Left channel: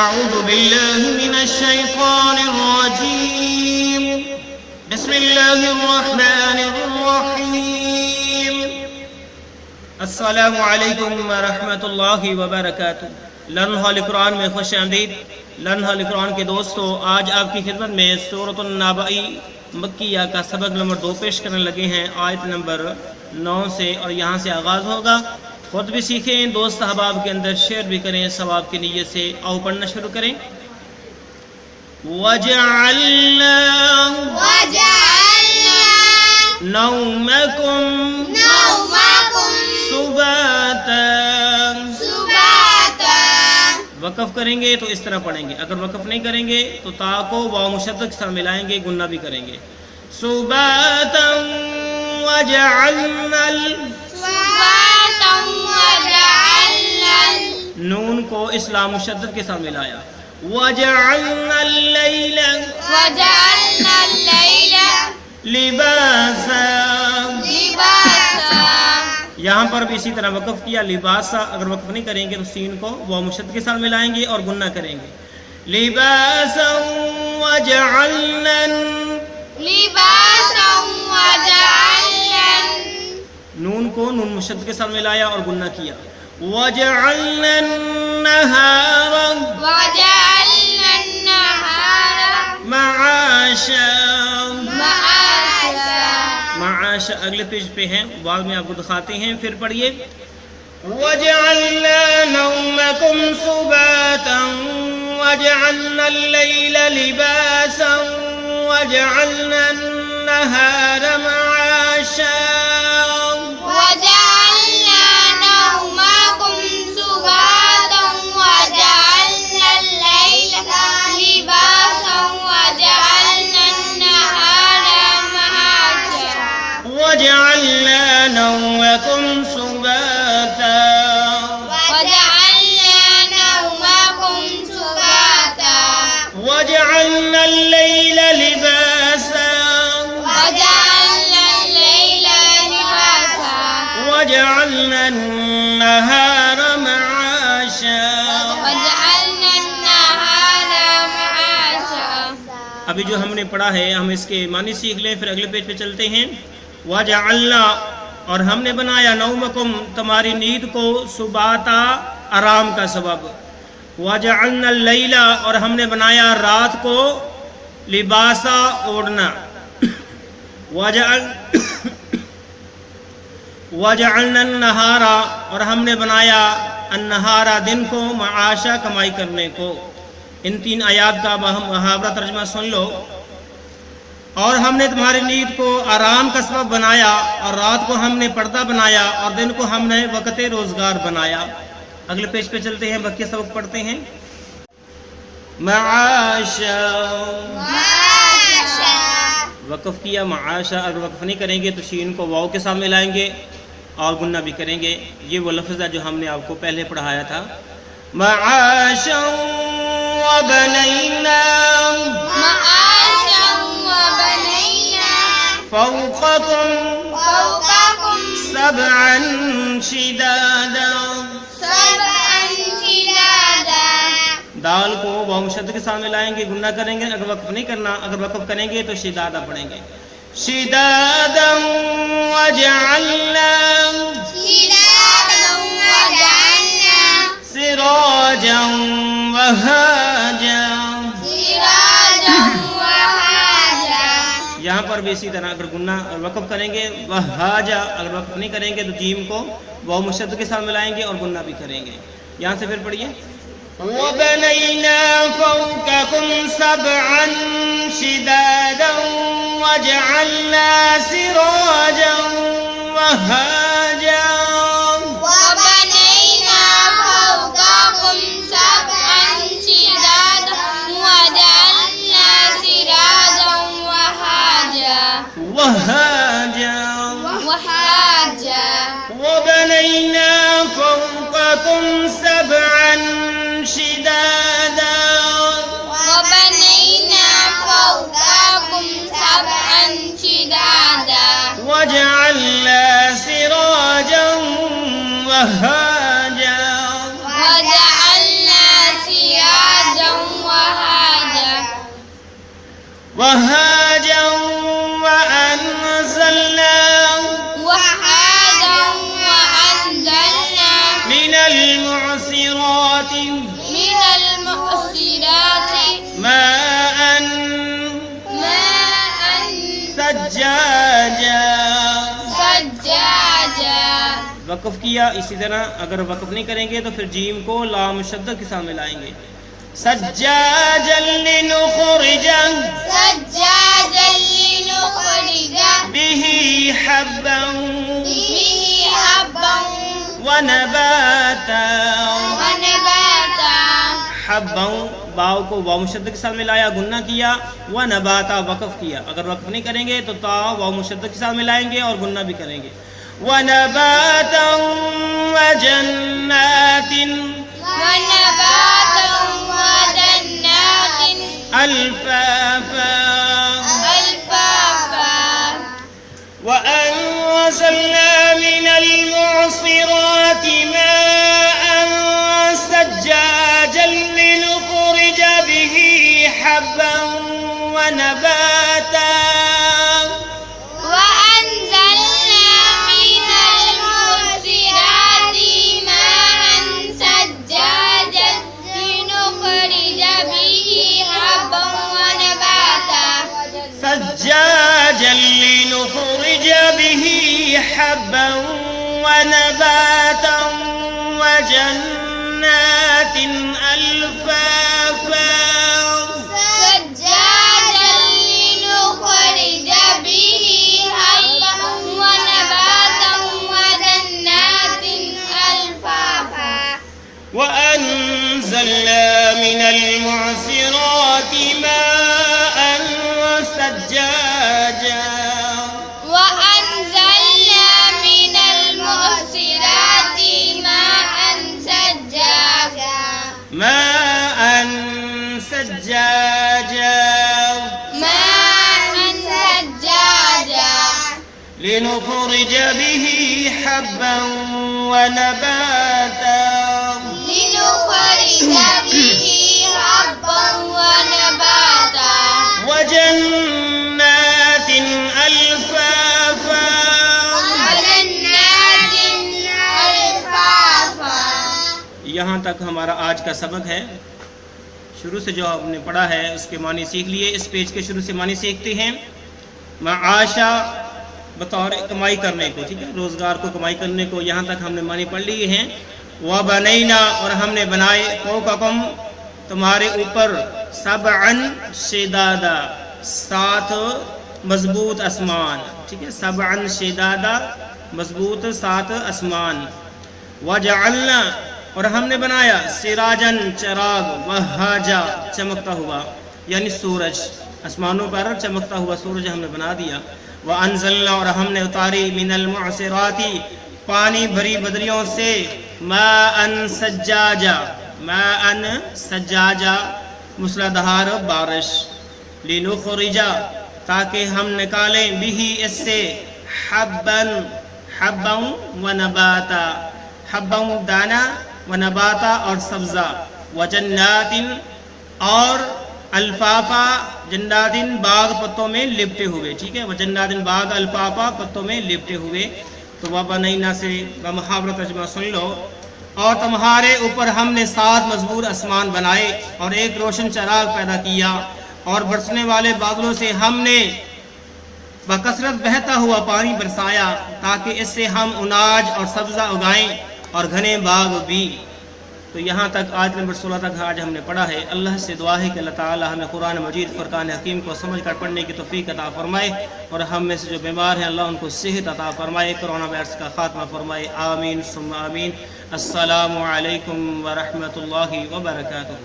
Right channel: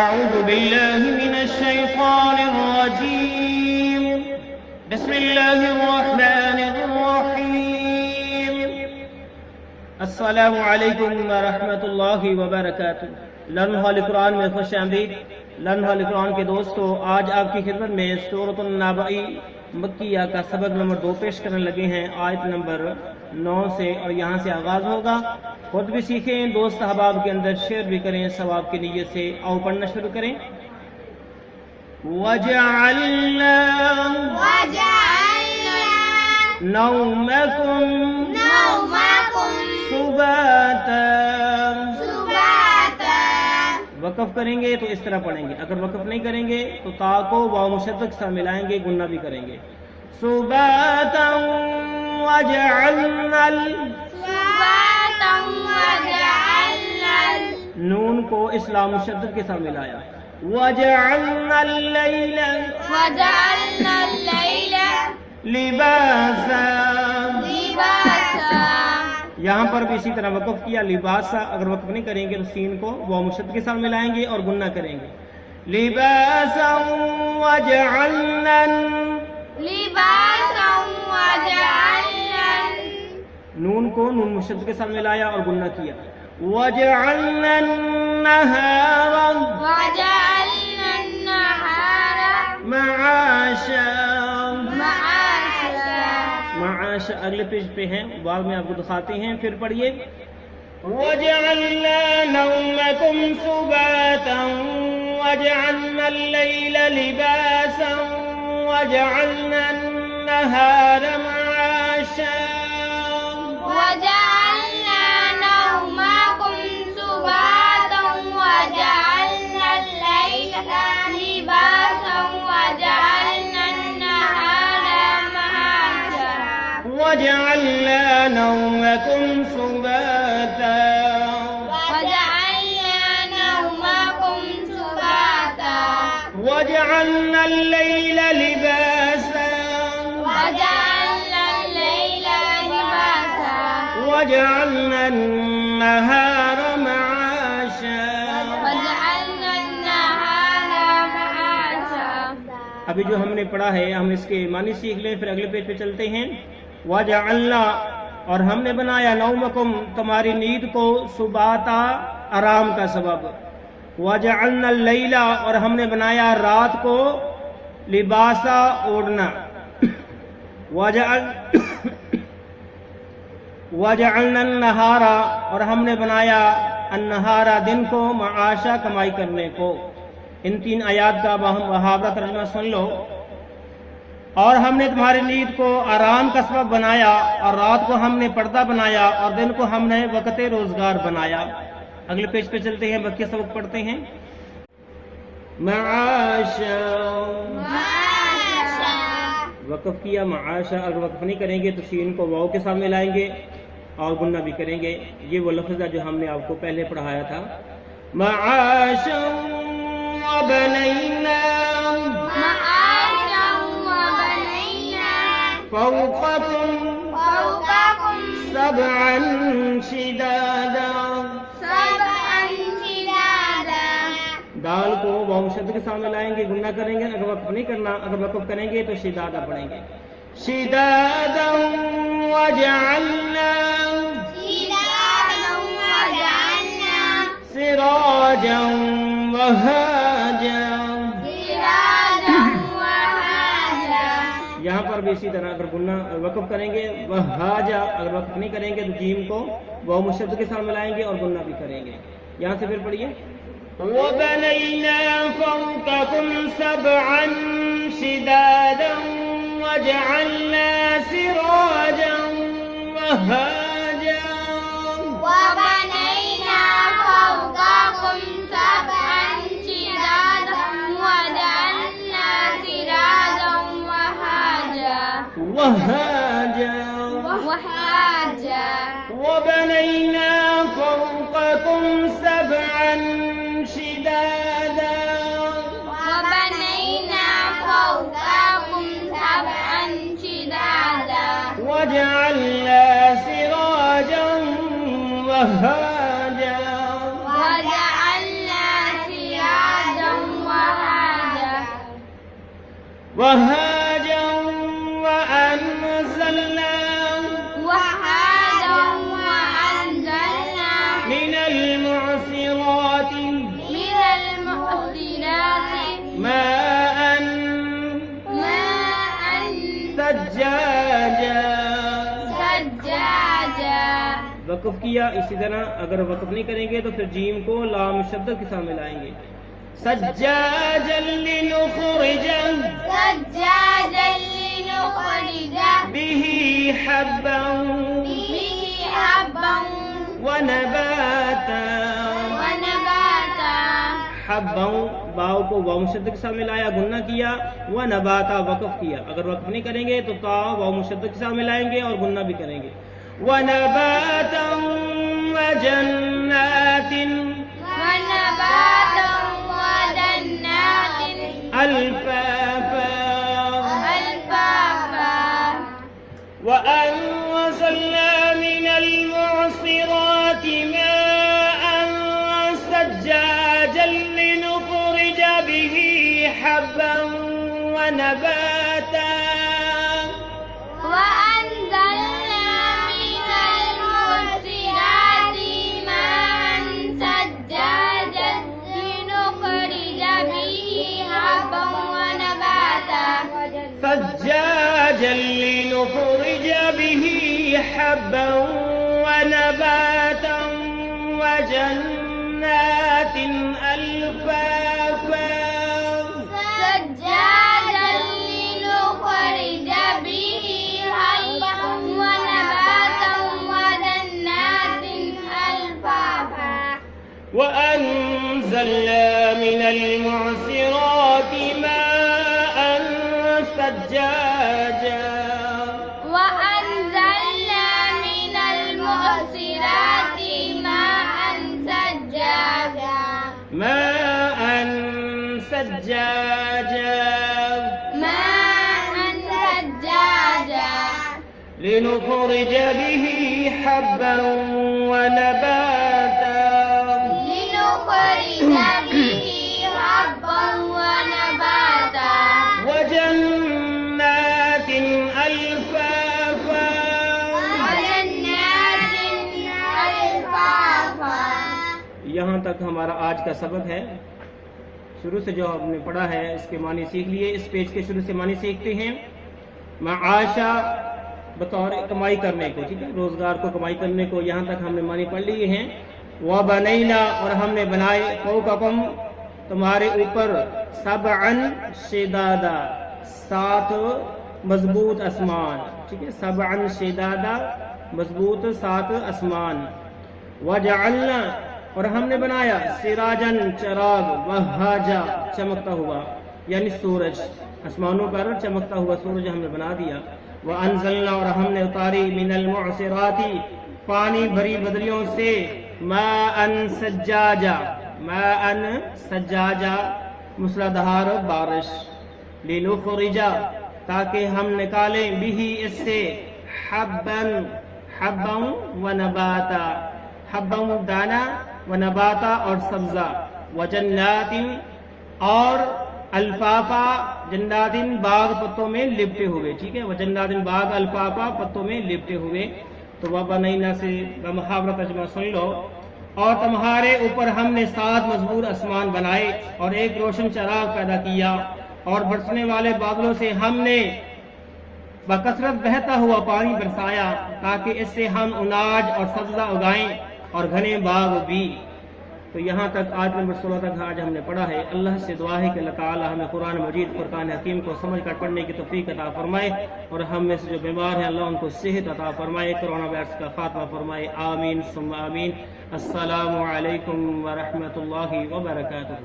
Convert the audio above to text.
أعوذ بالله من الشيطان الرجيم بسم الله الرحمن الرحيم السلام علیکم ورحمۃ اللہ وبرکاتہ۔ لرن ہال قرآن میں خوش آمدید۔ لرن ہال قرآن کے دوستو، آج آپ کی خدمت میں سورۃ النبأ مکیہ کا سبق نمبر 2 پیش کرنے لگے ہیں، آیت نمبر 9 سے، اور یہاں سے آغاز ہوگا۔ خود بھی سیکھیں، دوست احباب کے اندر شیئر بھی کریں ثواب کی نیت سے۔ آؤ پڑھنا شروع کریں۔ وَجَعَلْنَا نَوْمَكُمْ سُبَاتًا۔ وقف کریں گے تو اس طرح پڑھیں گے، اگر وقف نہیں کریں گے تو تا کو واو مشدد کے ساتھ ملائیں گے، گنہ بھی کریں گے۔ سُبَاتًا وَجَعَلْنَا نون کو اس لام مشدد کے ساتھ ملایا۔ وَجَعَلْنَا اللَّيْلَ لِبَاسًا۔ یہاں پر بھی اسی طرح وقف کیا، لباسا، اگر وقف نہیں کریں گے تو سین کو واو مشدد کے ساتھ ملائیں گے اور گنہ کریں گے۔ لِبَاسًا وَجَعَلْنَا نون کو نون مشدد کے ساتھ ملایا اور گنہ کیا۔ وَجَعَلْنَا النَّهَارَ مَعَاشًا۔ معاش اگلے پیج پہ ہیں، بعد میں آپ کو دکھاتے ہیں، پھر پڑھیے۔ وَجَعَلْنَا نَوْمَكُمْ سُبَاتًا وَجَعَلْنَا اللَّيْلَ لِبَاسًا وَجَعَلْنَا النَّهَارَ مَعَاشًا۔ وَجَعَلْنَا نَوْمَكُمْ سُبَاتًا وَجَعَلْنَا اللَّيْلَ لِبَاسًا وَجَعَلْنَا النَّهَارَ مَعَاشًا۔ ابھی جو ہم نے پڑھا ہے ہم اس کے معنی سیکھ لیں، پھر اگلے پیج پہ چلتے ہیں۔ وَجَعَلْنَا اور ہم نے بنایا نومکم تمہاری نیند کو سباتا آرام کا سبب۔ وَجَعَلْنَا اللَّيْلَ اور ہم نے بنایا رات کو لباسا اوڑھنا۔ وَجَعَلْنَا النَّهَارَ اور ہم نے بنایا النہارا دن کو معاشا کمائی کرنے کو۔ ان 3 آیات کا محاورہ ترجمہ سن لو۔ اور ہم نے تمہاری نیند کو آرام کا سبب بنایا، اور رات کو ہم نے پردہ بنایا، اور دن کو ہم نے وقت روزگار بنایا۔ اگلے پیج پہ چلتے ہیں، باقی سبق پڑھتے ہیں۔ معاشا وقف کیا، معاشا، اگر وقف نہیں کریں گے تو شین کو واو کے ساتھ ملائیں گے اور گنہ بھی کریں گے۔ یہ وہ لفظ ہے جو ہم نے آپ کو پہلے پڑھایا تھا۔ معاشا وبنینا فوقكم سبعا شدادا۔ دال کو واو مشدد کے ساتھ ملائیں گے، گنہ کریں گے، اگر وقف نہیں کرنا، اگر وقف کریں گے تو شدادا پڑھیں گے۔ شدادا وجعلنا سراجا وهاجا۔ یہاں پر بھی اسی طرح اگر گنہ وقف کریں گے وہاجا، اگر وقف نہیں کریں گے تو جیم کو واو مشدد کے ساتھ ملائیں گے اور گنہ بھی کریں گے۔ یہاں سے پھر پڑھیے۔ وَبَنَيْنَا فَوْقَكُمْ سَبْعًا شِدَادًا وَجَعَلْنَا سِرَاجًا وَهَّاجًا۔ وَبَنَيْنَا فَوْقَكُمْ سَبْعًا شِدَادًا وَجَعَلْنَا سِرَاجًا وَهَّاجًا۔ وهاجا وأنزلنا من المعصرات ماء ثجاجا. وقف کیا. اسی طرح اگر وقف نہیں کریں گے تو پھر جیم کو لام مشدد کے ساتھ ملائیں گے. سجاجا لنخرج به حبا ونباتا. حبا باؤ کو واو مشدد کے ساتھ ملایا گنہ کیا. ونباتا وقف کیا. اگر وقف نہیں کریں گے تو تا واو مشدد کے ساتھ ملائیں گے اور گنہ بھی کریں گے. ونباتا وجنات الفافا. وأنزلنا من المعصرات ماء ثجاجا لنخرج به حبا ونباتا. ثجاجا لنخرج به حبا ونباتا وجنات ألفافا. سجاجا لنخرج به حبا ونباتا وجنات ألفافا. وأنزلنا من المعصرات ماء ثجاجا. وأنزلنا من المعصرات ماء ثجاجا. ماء ثجاجا. ماء ثجاجا. لنخرج به حبا ونباتا. لنخرج به حبا ونباتا. وجنات ألفافا. وجنات ألفافا. یہاں تک ہمارا آج کا سبق ہے. شروع سے جو ہم نے پڑھا ہے اس کے معنی سیکھ لیے. اس پیج کے شروع سے معنی سیکھتے ہیں. معاشا بطور کمائی کرنے کو. ٹھیک ہے, روزگار کو کمائی کرنے کو. یہاں تک ہم نے معنی پڑھ لیے ہیں. وَبَنَيْنَا اور ہم نے بنائے فَوْقَكُمْ تمہارے اوپر سبعن شدادا 7 مضبوط آسمان. ٹھیک ہے, سبعن شدادا مضبوط 7 آسمان. وجعلنا اور ہم نے بنایا سراجن چراغ وہاجا چمکتا ہوا یعنی سورج. آسمانوں پر چمکتا ہوا سورج ہم نے بنا دیا. وانزلنا اور ہم نے اتاری من المعصرات پانی بھری بدریوں سے ماء سجاجا. ماء سجاجا مسلادھار بارش. لنخرجا تاکہ ہم نکالیں بھی اس سے حبا ونباتا. حبا دانا ونباتا اور سبزہ. وجنات اور الفافا جنات باغ پتوں میں لپٹے ہوئے. ٹھیک ہے, وجنات باغ الفافا پتوں میں لپٹے ہوئے. تو وبنینا سے بمحاورہ ترجمہ سن لو. اور تمہارے اوپر ہم نے 7 مضبوط آسمان بنائے اور ایک روشن چراغ پیدا کیا اور برسنے والے بادلوں سے ہم نے بکثرت بہتا ہوا پانی برسایا تاکہ اس سے ہم اناج اور سبزہ اگائیں اور گھنے باغ بھی. تو یہاں تک آیت نمبر 16 تک آج ہم نے پڑھا ہے. اللہ سے دعا ہے کہ اللہ تعالی ہمیں قرآن مجید فرقان حکیم کو سمجھ کر پڑھنے کی توفیق عطا فرمائے اور ہم میں سے جو بیمار ہیں اللہ ان کو صحت عطا فرمائے, کرونا وائرس کا خاتمہ فرمائے. آمین ثم آمین. السلام علیکم ورحمۃ اللہ وبرکاتہ.